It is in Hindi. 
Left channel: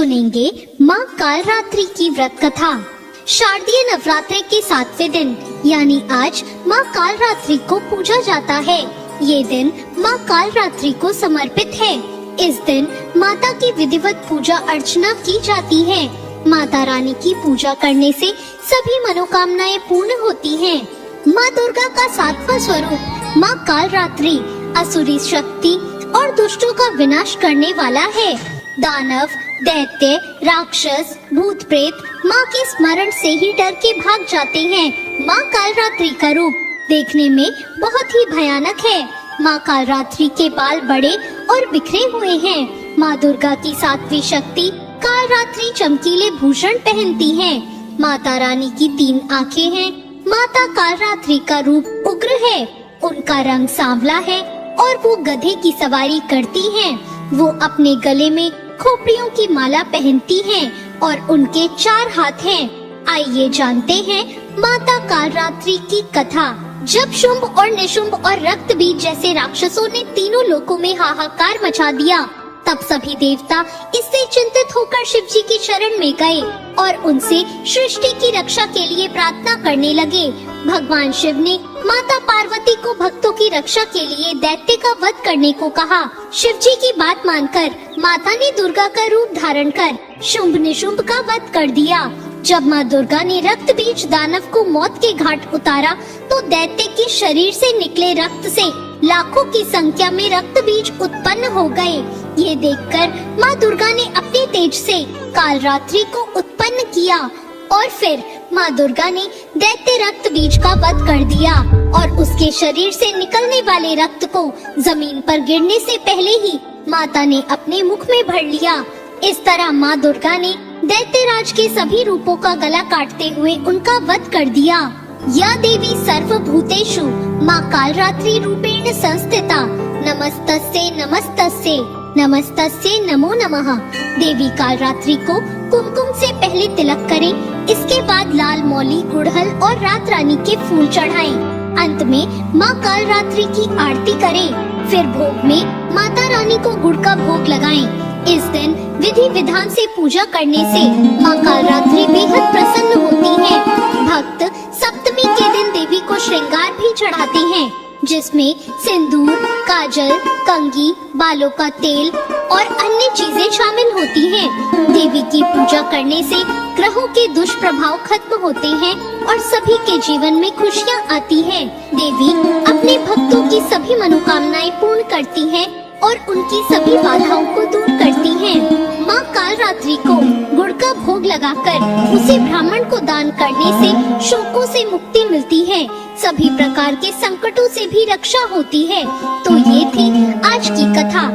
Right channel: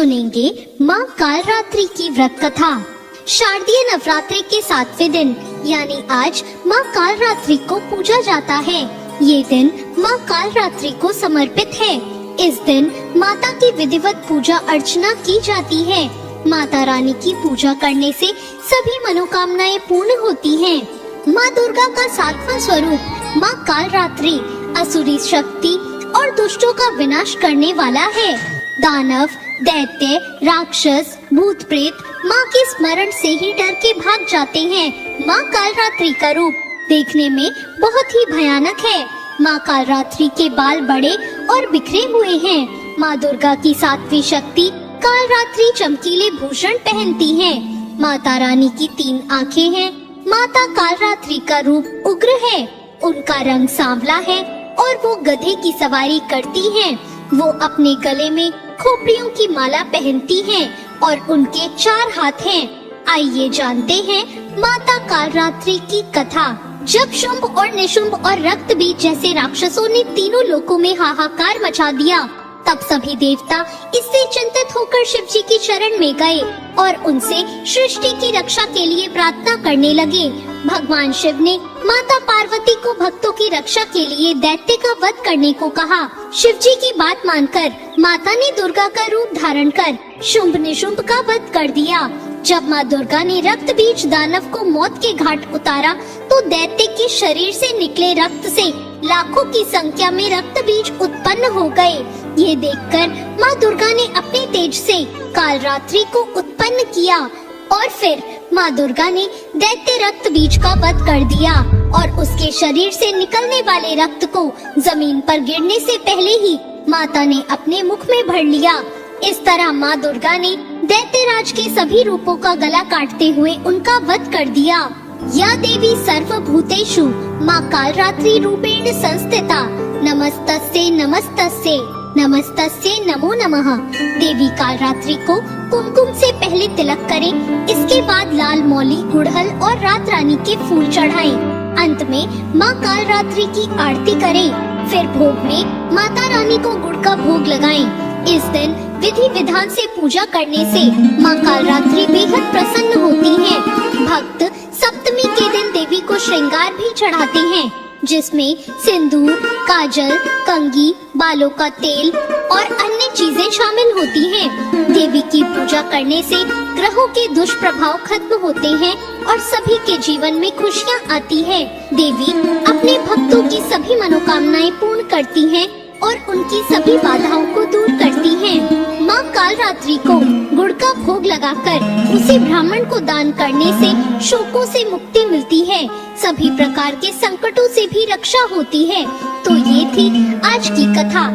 सुनेंगे माँ कालरात्रि की व्रत कथा। शारदीय नवरात्रि के 7वें दिन यानी आज माँ कालरात्रि को पूजा जाता है। ये दिन माँ कालरात्रि को समर्पित है। इस दिन माता की विधिवत पूजा अर्चना की जाती है। माता रानी की पूजा करने से सभी मनोकामनाएं पूर्ण होती हैं। माँ दुर्गा का 7वां स्वरूप माँ कालरात्रि असुरी शक्ति और दुष्टों का विनाश करने वाला है। दानव, दैत्य, राक्षस, भूत प्रेत माँ के स्मरण से ही डर के भाग जाते हैं। माँ कालरात्रि का रूप देखने में बहुत ही भयानक है। माँ कालरात्रि के बाल बड़े और बिखरे हुए हैं। माँ दुर्गा की 7वीं शक्ति कालरात्रि चमकीले भूषण पहनती है। माता रानी की 3 आँखें हैं। माता कालरात्रि का रूप उग्र है। उनका रंग सांवला है और वो गधे की सवारी करती हैं। वो अपने गले में खोपड़ियों की माला पहनती हैं और उनके 4 हाथ हैं। आइए जानते हैं माता कालरात्रि की कथा। जब शुंभ और निशुंभ और रक्त बीज जैसे राक्षसों ने तीनों लोकों में हाहाकार मचा दिया, तब सभी देवता इससे चिंतित होकर शिव जी की शरण में गए और उनसे सृष्टि की रक्षा के लिए प्रार्थना करने लगे। भगवान शिव ने माता पार्वती को भक्तों की रक्षा के लिए दैत्य का वध करने को कहा। शिव जी की बात मानकर माता ने दुर्गा का रूप धारण कर शुंभ निशुंभ का वध कर दिया। जब माँ दुर्गा ने रक्त बीज दानव को मौत के घाट उतारा, तो दैत्य के शरीर से निकले रक्त से लाखों की संख्या में रक्त बीज उत्पन्न हो गए। ये देखकर माँ दुर्गा ने अपने तेज से कालरात्रि को उत्पन्न किया और फिर माँ दुर्गा ने दैत्य रक्त बीज का वध कर दिया और उसके शरीर से निकलने वाले रक्त को जमीन पर गिरने से पहले ही माता ने अपने मुख में भर लिया। इस तरह माँ दुर्गा ने दैत्यराज के सभी रूपों का गला काटते हुए उनका वध कर दिया। या देवी सर्वभूतेषु माँ कालरात्रि रूपेण संस्थिता नमस्तस्यै नमस्तस्यै नमस्तस्यै नमो नमः। देवी कालरात्रि को कुमकुम से पहले तिलक करें, इसके बाद लाल मौली, गुड़हल और रात रानी के फूल चढ़ाएं। अंत में माँ कालरात्रि की आरती करें। फिर भोग में माता रानी को गुड़ का भोग लगाएं। इस दिन विधि विधान से पूजा करने से माँ कालरात्रि बेहद प्रसन्न होती है। भक्त सप्तमी के दिन देवी को श्रृंगार भी चढ़ाते हैं, जिसमें सिंदूर, काजल, कंघी, बालों का तेल और अन्य चीजें शामिल होती हैं। देवी की पूजा करने से ग्रहों के दुष्प्रभाव खत्म होते हैं और सभी के जीवन में खुशियाँ आती है। देवी अपने भक्तों की सभी मनोकामनाएं पूर्ण करती है और उनकी सभी बाधाओं को दूर करती है। माँ कालरात्रि को गुड़ का भोग लगाकर उसे ब्राह्मण को दान करने से शोकों से मुक्ति मिलती है। सभी प्रकार के संकटों से भी रक्षा होती है। तो ये थी आज की कथा।